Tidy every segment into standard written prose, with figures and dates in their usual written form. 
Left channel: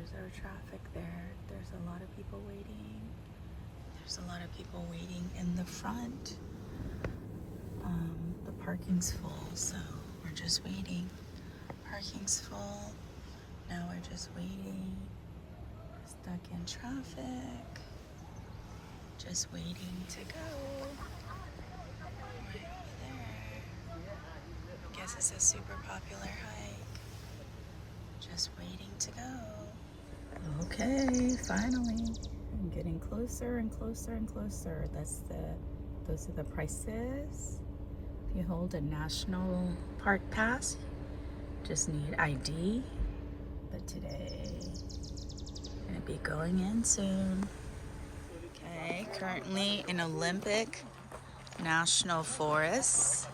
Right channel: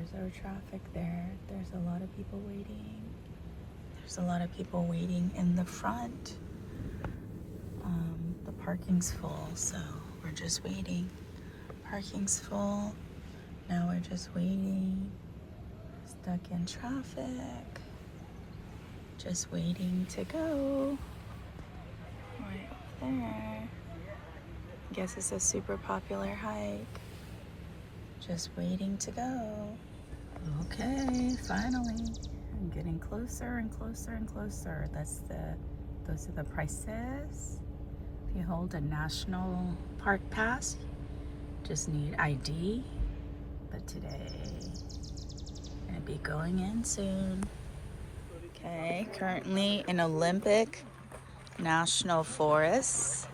there's our traffic there. There's a lot of people waiting. There's a lot of people waiting in the front. The parking's full, so we're just waiting. Parking's full. Now we're just waiting. Stuck in traffic. Just waiting to go. Right there. Guess it's a super popular hike. Just waiting to go. Okay, finally. I'm getting closer and closer and closer. Those are the prices. If you hold a national park pass, just need ID. But today, I'm gonna be going in soon. Okay, currently in Olympic National Forest.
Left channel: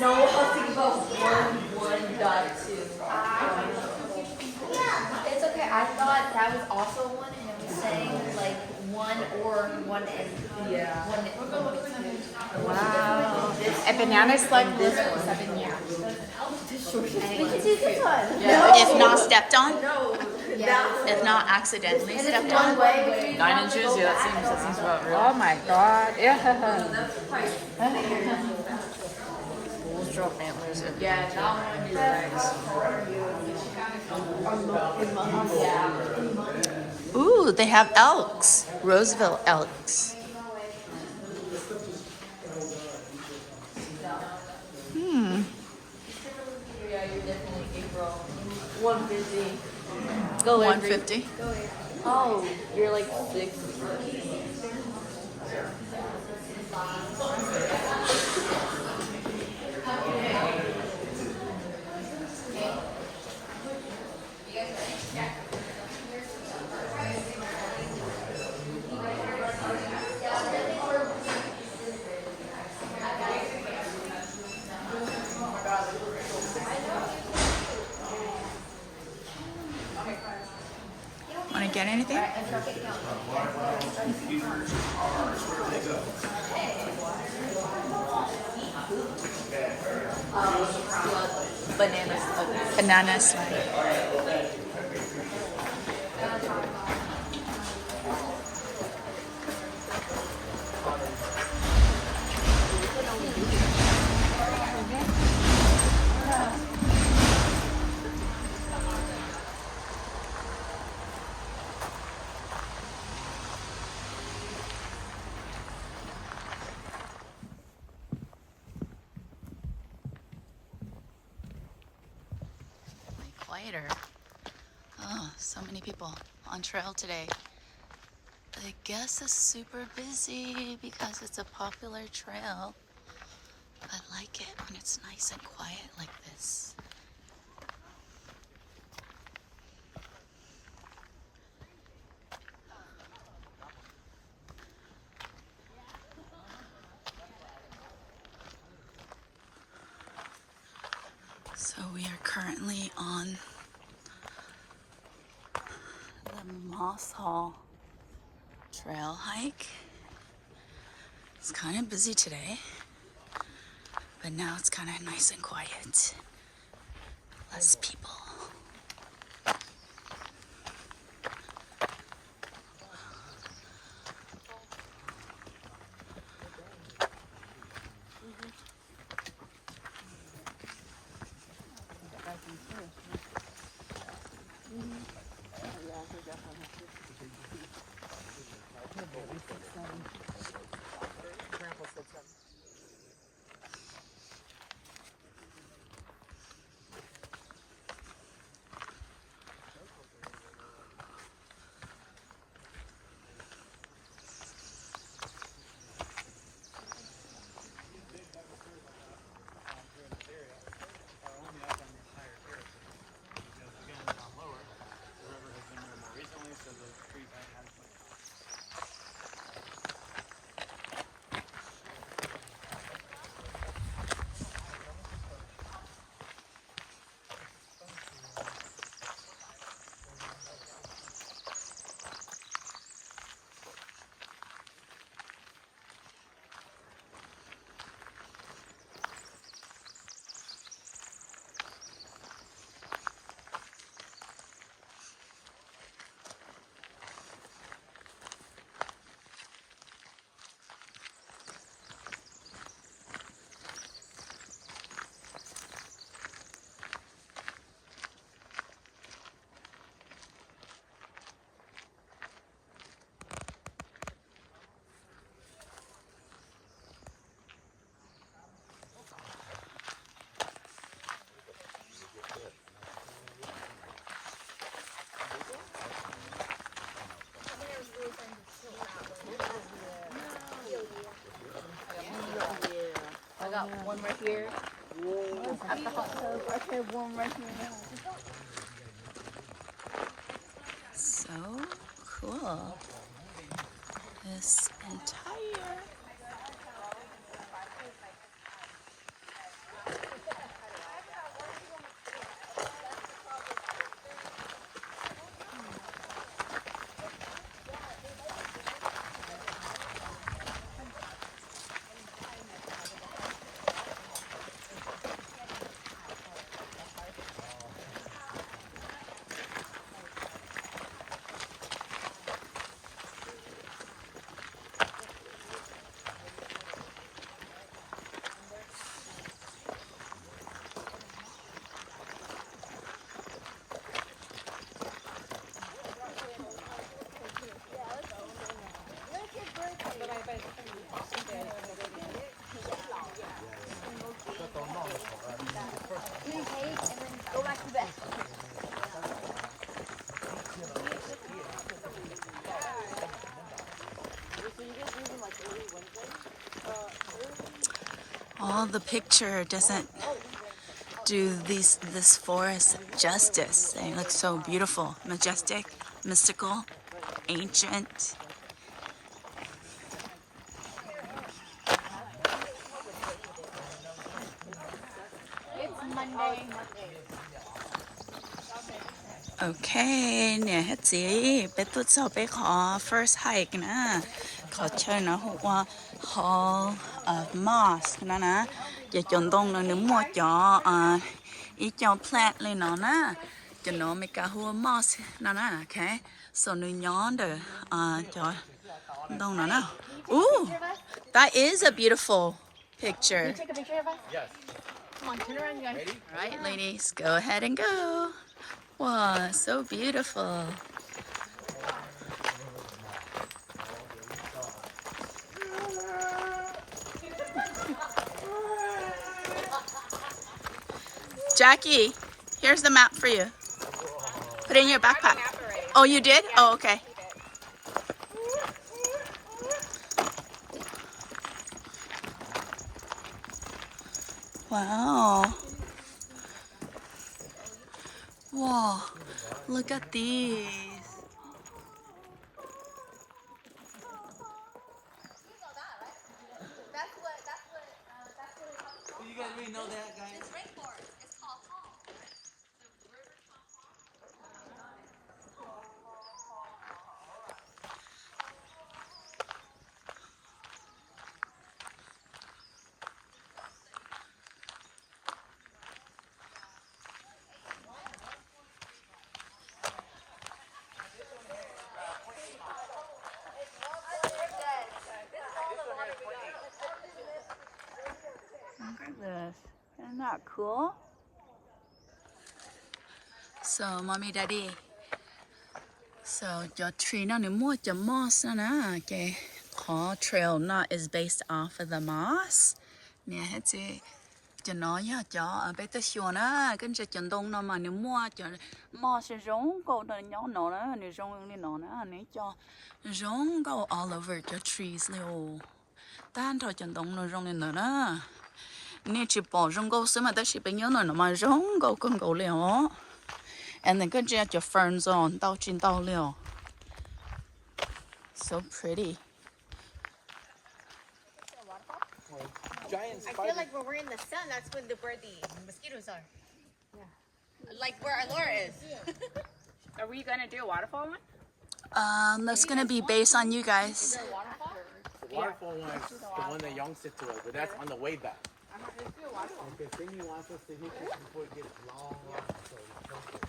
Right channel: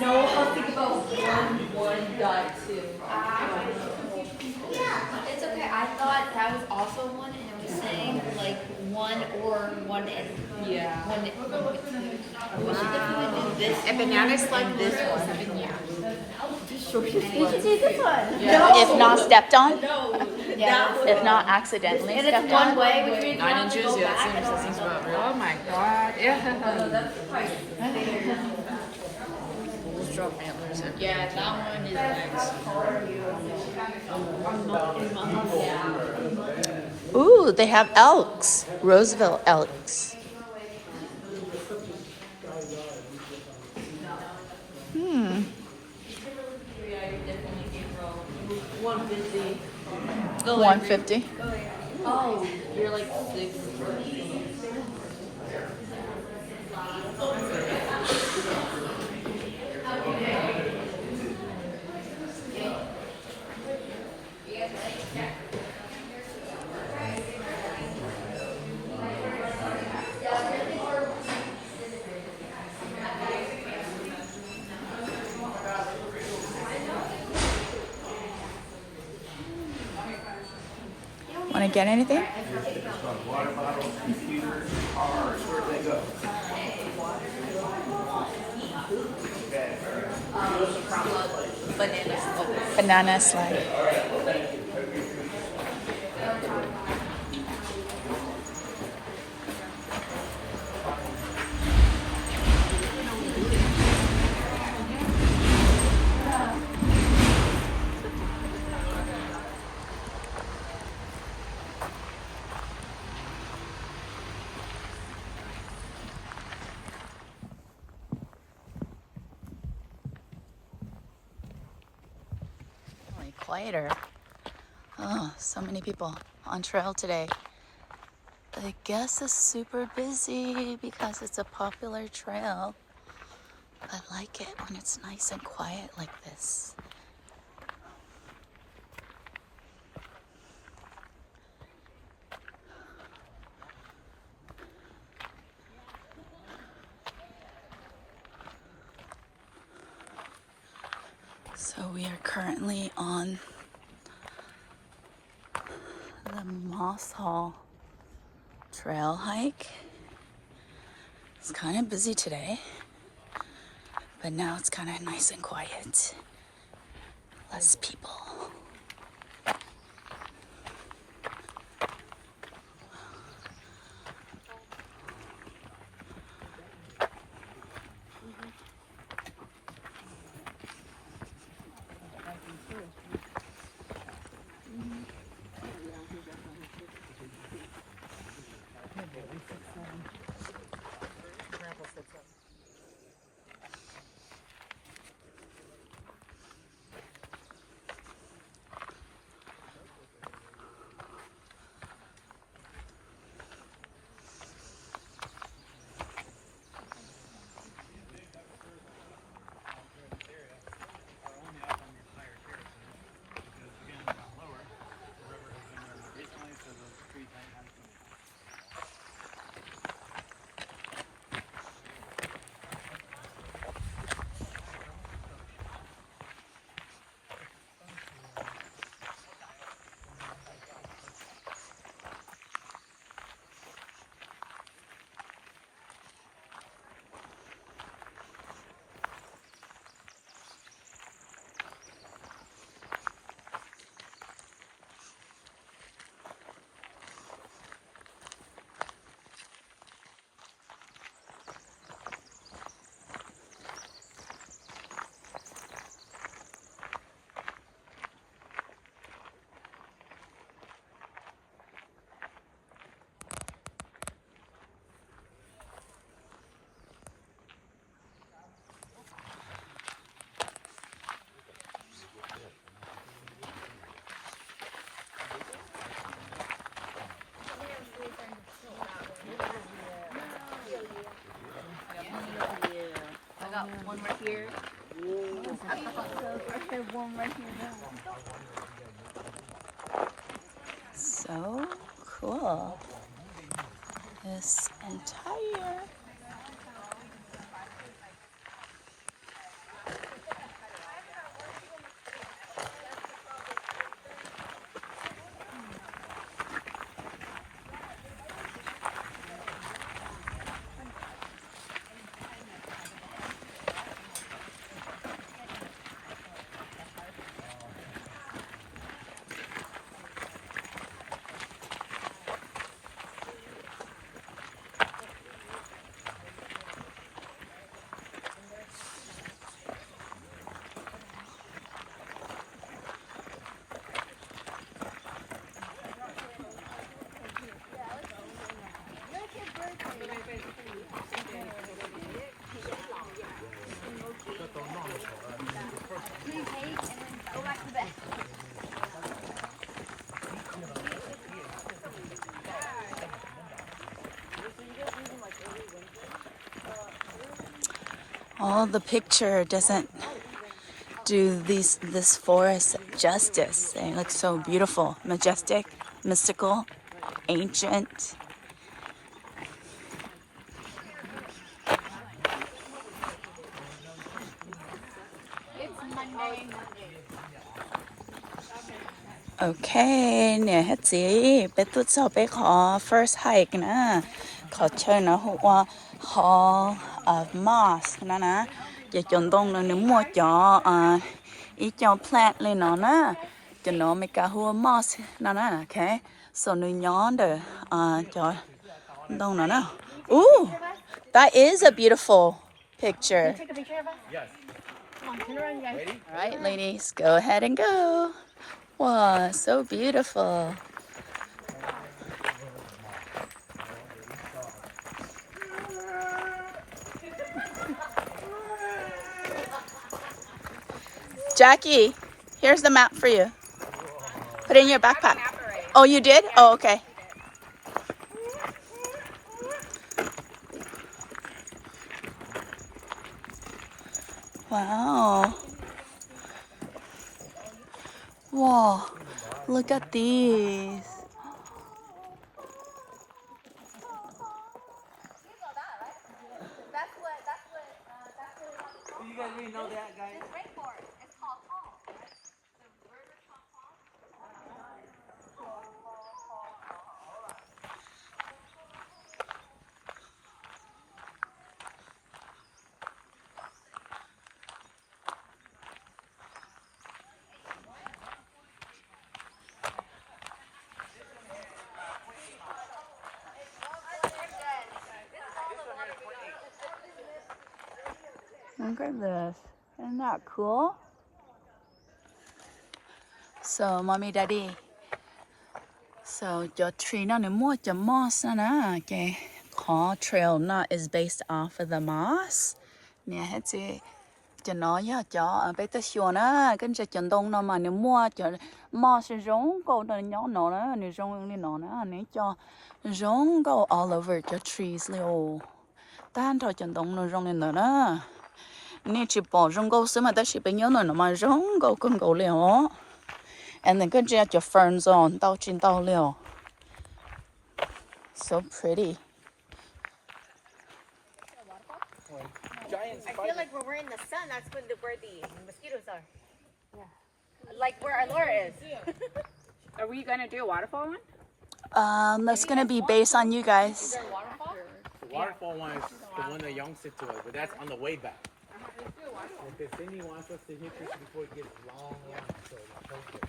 No, I was thinking about 1.2. It's okay. I thought that was also one, and it was saying like one or one and Yeah. one. We should definitely do this. And bananas like this one. We should do this one. If not stepped on? No. If not accidentally And stepped it's one on? way, which means you 9 have to inches, go yeah, back it and seems also right. go Oh my god. Yeah. Yeah, that one is next. Ooh, they have elks. Roseville elks. Hmm. 150. 150. Oh, you're like 6. Want to get anything? Banana slide. Quieter. Oh, so many people on trail today. I guess it's super busy because it's a popular trail. I like it when it's nice and quiet like this. So we are currently on the Moss Hall trail hike. It's kind of busy today, but now it's kind of nice and quiet. Less people. So cool. This entire all the picture doesn't do this forest justice. They look so beautiful, majestic, mystical, ancient. โอเคเนี่ยฮัจีไปตุดเสาไปขอ first hike นะขอเชิญนะหัว hall of moss นะจะจนตรงนั้นนึกมัวจออีเจ้า plant เลยเนาะนะจะเนาะไม่กล้าหัว moss นะโอเค so นึกย้อนเด้อจอตรงนั้นนะooh that is a beautiful picture Take a picture of us? Yes. Come on, turn around, you guys. Ready? all right ladies go ahead and go wow so beautiful Jackie, here's the map for you. Put it in your backpack. Oh, you did? Oh, okay. Wow. Whoa, look at these. Look at this. Isn't that cool? So, mommy, daddy. So, your tree na ni mo your moss na okay. Call trail not is based off of the moss. Nè hết chị. Cho nó ya cho bé tới xua na, cái chỉ chân đông nó mà nếu mua cho moss giống câu nó nhỏ nó đó, nếu giống như nó đó, nếu cho giống câu all over your trees liu. Tan thôi chân đông nó giống như nó đó. Nếu chỉ bỏ giống câu xí mà ta chỉ bé nhớ nó mà giống câu con câu liu. And then good job your ferns on, tao chín tao liu. So pretty. Giant I feel like when we're in the sun, that's when where the mosquitoes are. Yeah. Like where Alora is. Are we gonna do a waterfall one? That's gonna be based on you guys. The waterfall one is the one that Young said to us, but that's on the way back. Okay, Cindy wants us to hit this before it gets long, so it's perfect.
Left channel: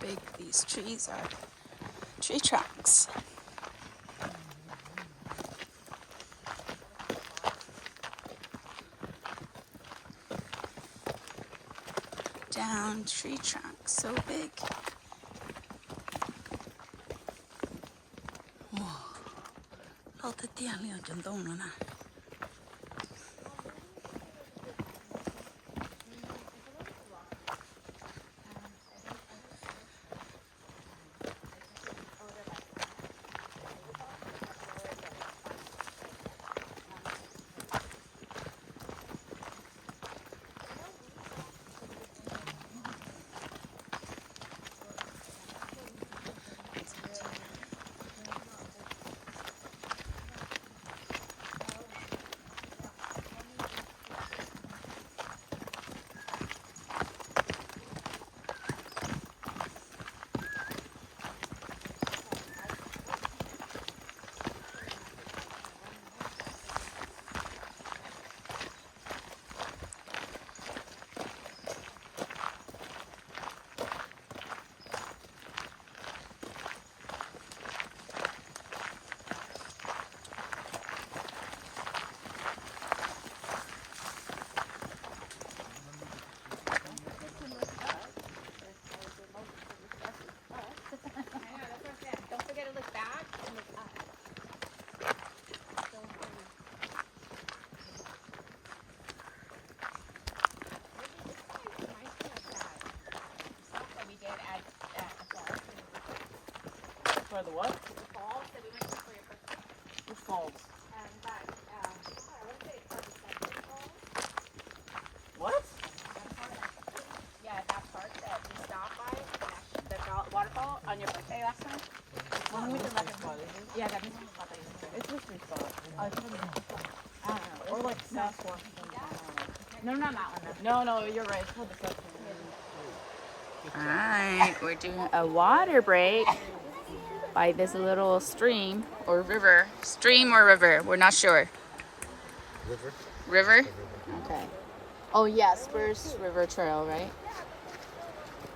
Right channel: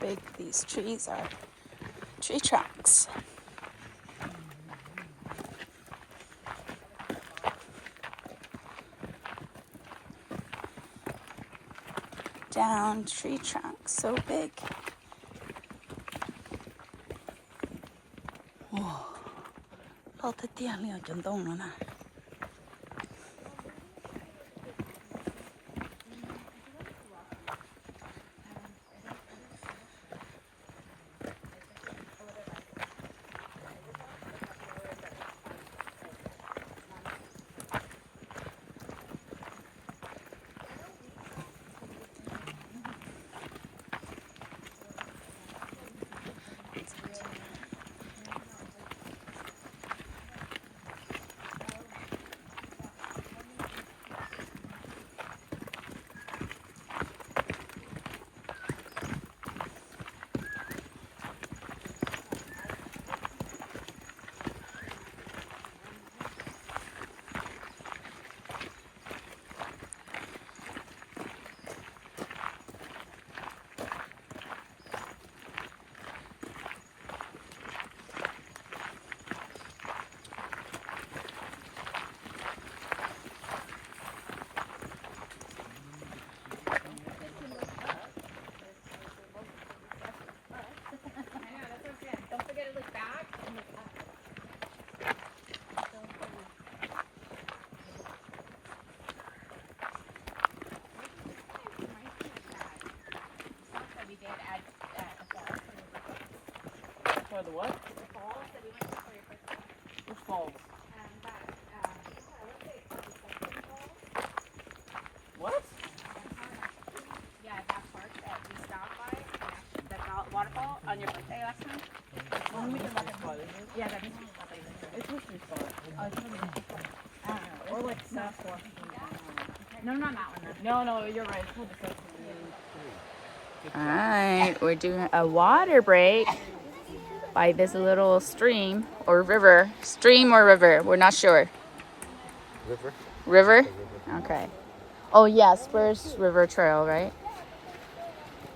Big these trees are. Tree trunks. Down tree trunks, so big. Whoa. Lo tới tiền liền chân đông nữa nè. by the what? The falls that we went to for your birthday. The falls. What? Yeah, that park that we stopped by, the waterfall on your birthday last time. Yeah, that is It's history spot. Or like South Washington. No, not that one. No, you're right. It's called the South All right, we're doing a water break by this little stream or river. Stream or river, we're not sure. River. River? Okay. Oh yeah, Spurs River Trail, right?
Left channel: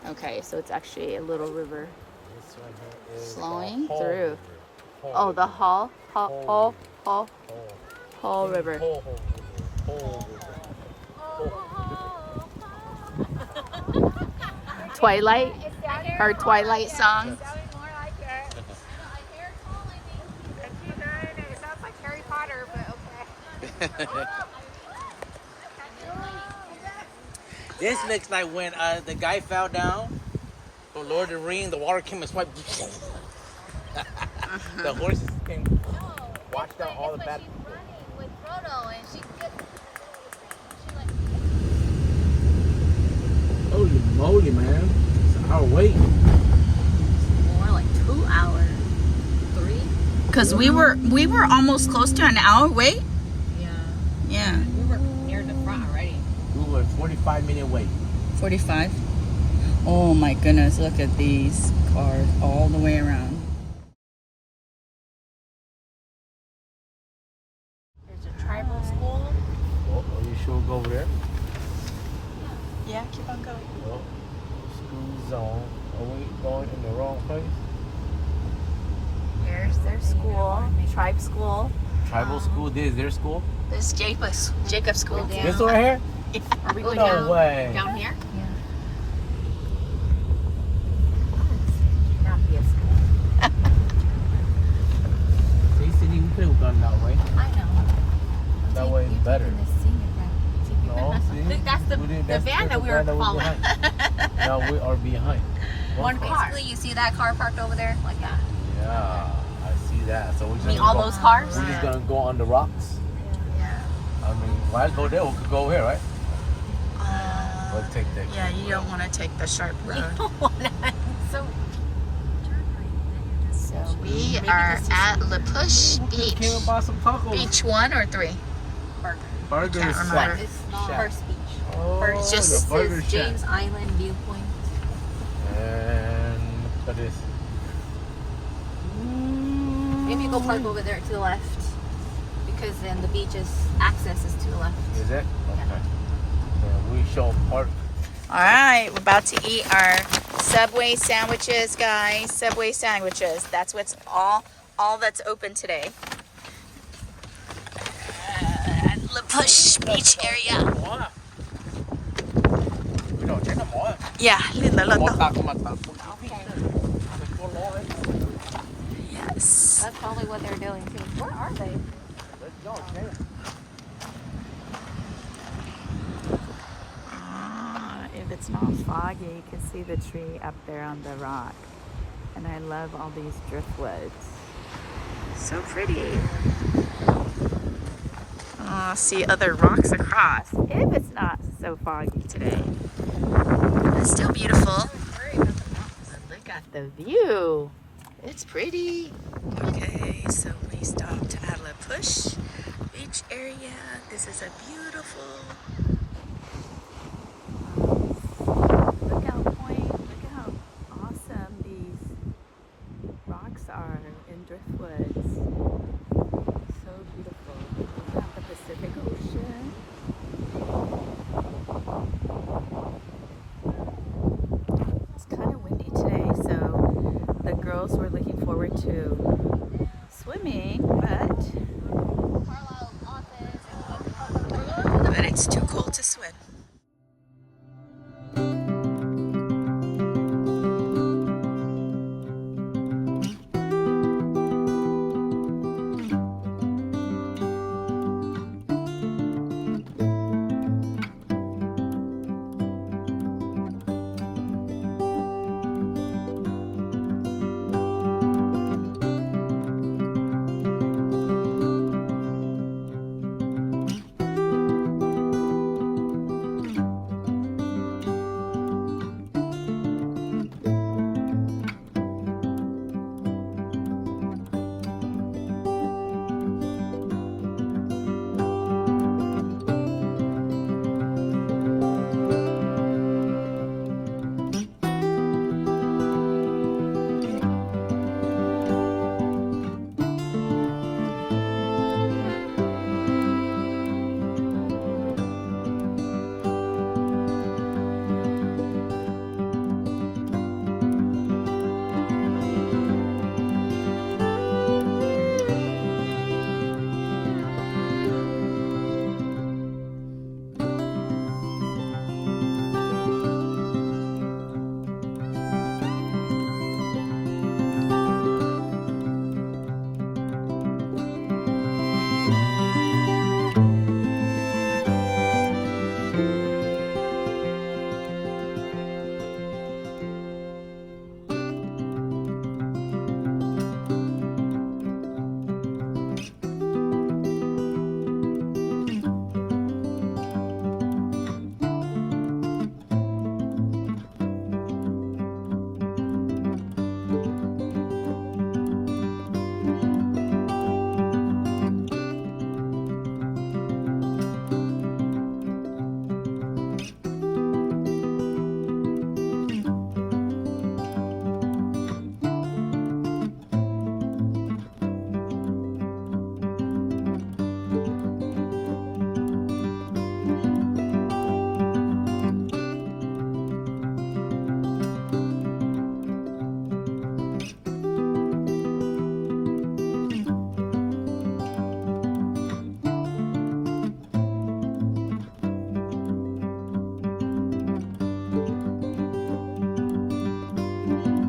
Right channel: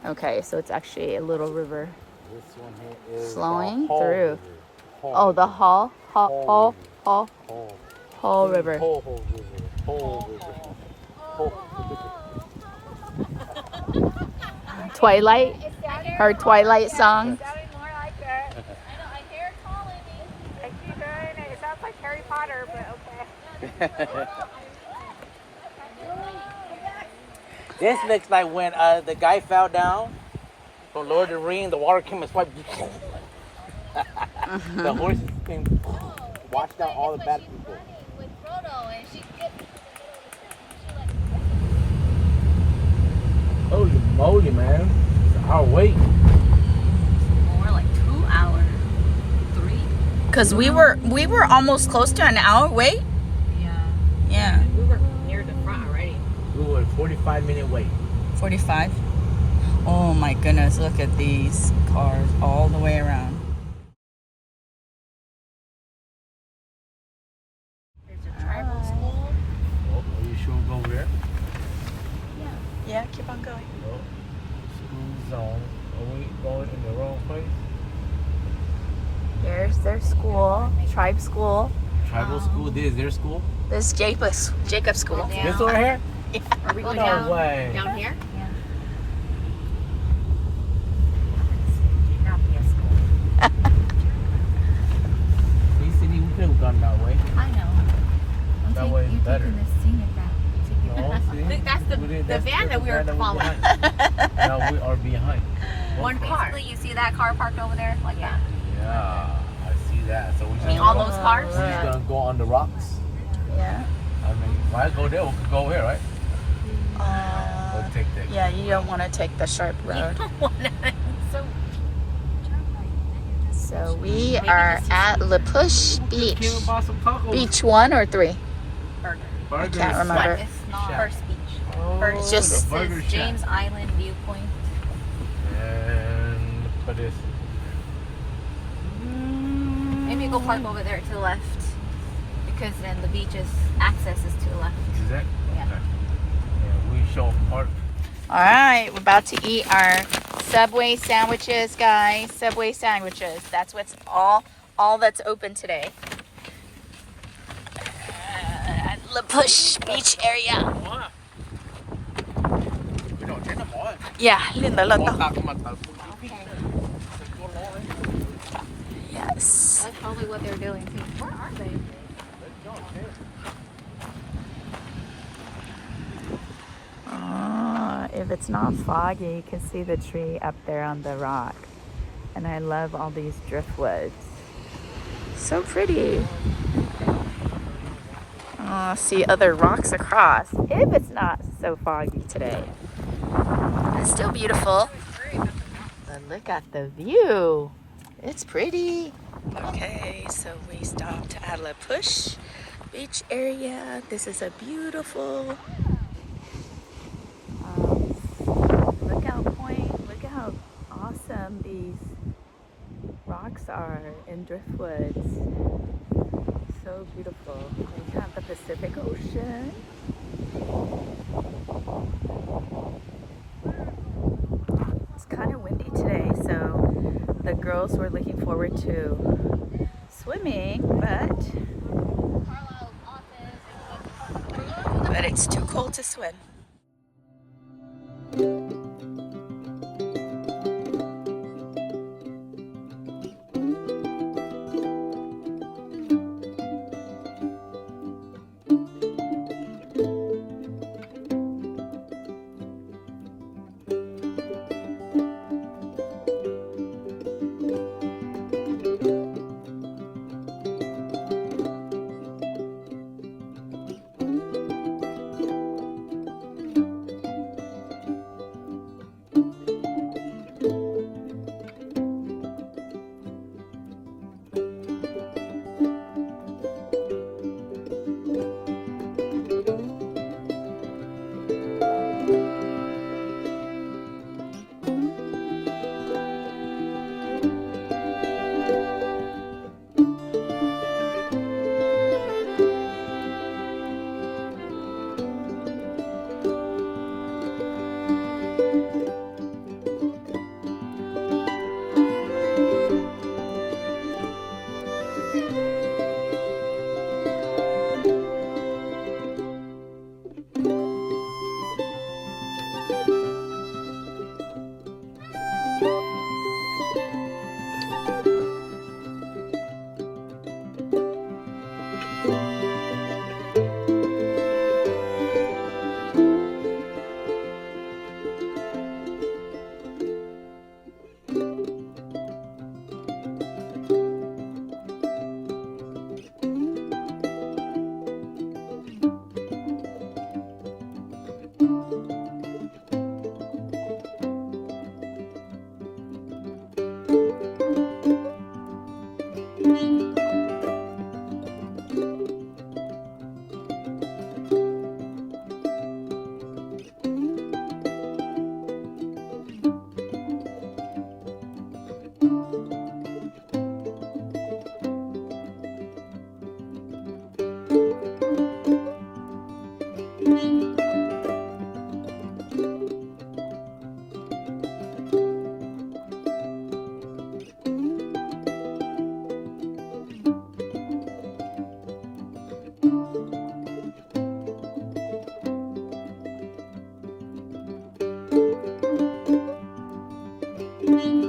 Okay, so it's actually a little river flowing through. Oh, the Hall River. Twilight, her Twilight song. I hear it calling me. And she's doing it. It sounds like Harry Potter, but okay. This looks like when the guy fell down from Lord of the Rings, the water came and swiped. The horses came, washed out all the bad people. With Frodo and she gets Holy moly, man. It's an hour wait. More like 2 hours. 3? Cause we were almost close to an hour wait. Yeah. We were near the front already. We were 45-minute wait. 45. Oh my goodness! Look at these cars all the way around. There's a tribal school. Oh, are you sure we'll go over there? Yeah, keep on going. No. School zone. Are we going in the wrong place? Here's their school, tribe school. Tribal school? This is their school? This is Jacob's school. Yeah. This over here? Are we going No down? way. Down here? They said we could have gone that way. I know. That way is better. This scenic route. No, see? That's the van that we were following. Now we are behind. One car. Basically, you see that car parked over there? Like that. Yeah, I see that. So we're just All those cars? We're just gonna go on the rocks. Yeah. I mean, why go there? We could go here, right? Let's take that. Yeah, you don't want to take the sharp road. So So we are at La Push Beach. Came and bought some tacos. Beach 1 or 3? Burger. Burger Can't is remember. It's not Shack. First Beach. Oh, It's just- the burger This is shack. James Island Viewpoint. And look at this. Maybe go park over there to the left. Because then the beach's access is to the left. Is it? Okay. Yeah, we show park. All right, we're about to eat our Subway sandwiches, guys. Subway sandwiches. That's what's all that's open today. At La Push Beach area. Yeah, linda lata. Yes. That's probably what they're doing too. Where are they? If it's not foggy, you can see the tree up there on the rock. And I love all these driftwoods. So pretty. See other rocks across. If it's not so foggy today. It's still beautiful. But look at the view. It's pretty. Okay, so we stopped at La Push Beach area. This is a beautiful lookout point. Look at how awesome these rocks are in driftwoods. So beautiful. We've got the Pacific Ocean. It's kind of windy today, so the girls were looking forward to swimming, but it's too cold to swim. Bye.